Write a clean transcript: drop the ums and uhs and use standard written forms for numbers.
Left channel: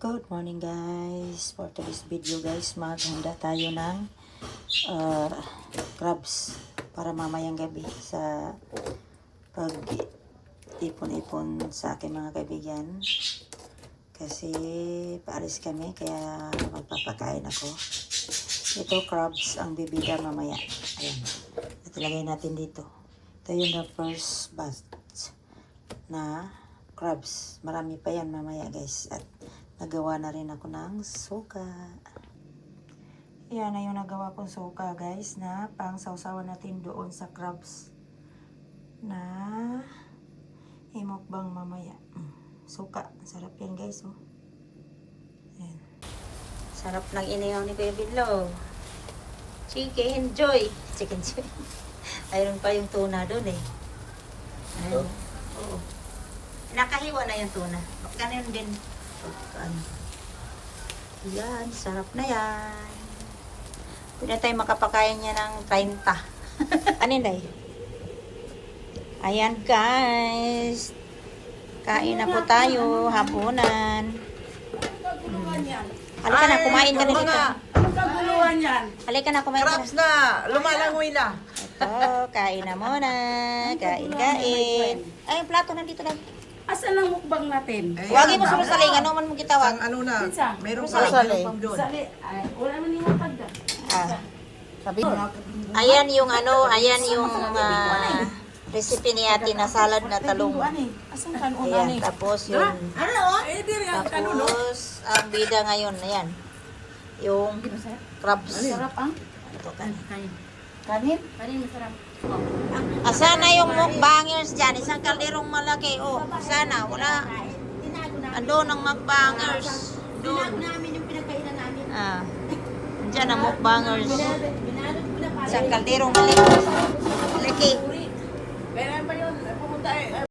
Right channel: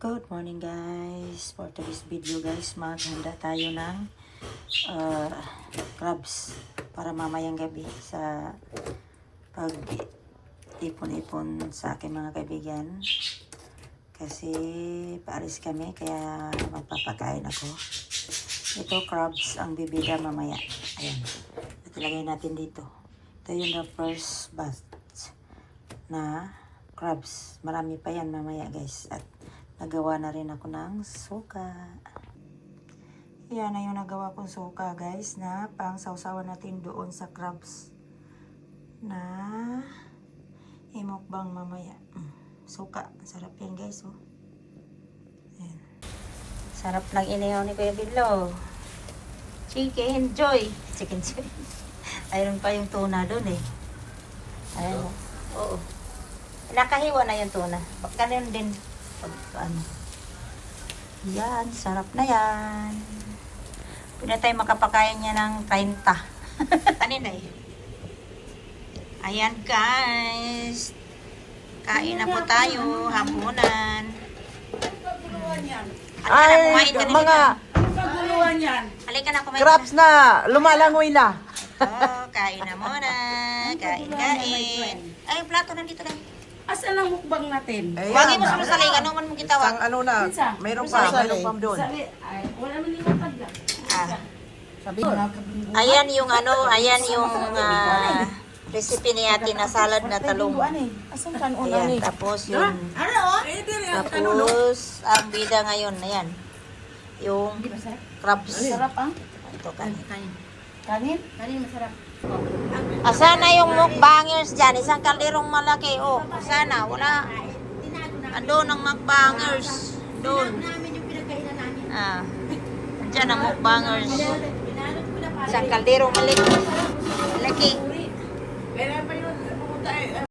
Good morning guys. For today's video guys, maghanda tayo ng crabs para mamayang gabi sa pag ipon-ipon sa aking mga kaibigan. Kasi paalis kami kaya magpapakain ako. Ito crabs ang bibida mamaya. Ayan. Ito lagay natin dito. Ito yung the first batch na crabs. Marami pa yan mamaya guys. At nagawa na rin ako ng suka. Yan na yung nagawa kong suka guys na pang sausawan natin doon sa crabs na imukbang mamaya. Suka. Sarap yan guys. Oh. Yan. Sarap ng inihaw ni Kuya Bilo. Chicken joy. Chicken joy. Ayun pa yung tuna doon eh. Ayun. Oo. Nakahiwa na yung tuna. Baka na yun din. Ano. Yan, sarap na yan. Pwede na tayo makapakain niya ng 30. Ano na eh? Ayan guys. Kain na po tayo. Hapunan. Halika na, kumain ka dito. Anong kaguluhan yan? Halika na, kumain ka. Crabs na! Lumalangoy na! Ito, kain na muna. Kain. Ay, yung plato nandito lang. Asan ang mukbang natin? Wagi mo sa saling, ano man mo kitawag? Ano na, Minsan. mayroon pa doon. Sali. Ay, wala man yung pagda. Sabi mo. Ayan yung ano, ayan yung recipe ni ate na salad na talong. Ayan, tapos yung tapos ang bida ngayon, ayan. Yung crabs. Sarap ang? Ito kanin. Kanin? Kanin masarap. Asana yung mukbangers dyan? Isang kalderong malaki. Oh, asana? Wala. Andun ang mukbangers. Doon. Dyan ang mukbangers. Isang kalderong malaki.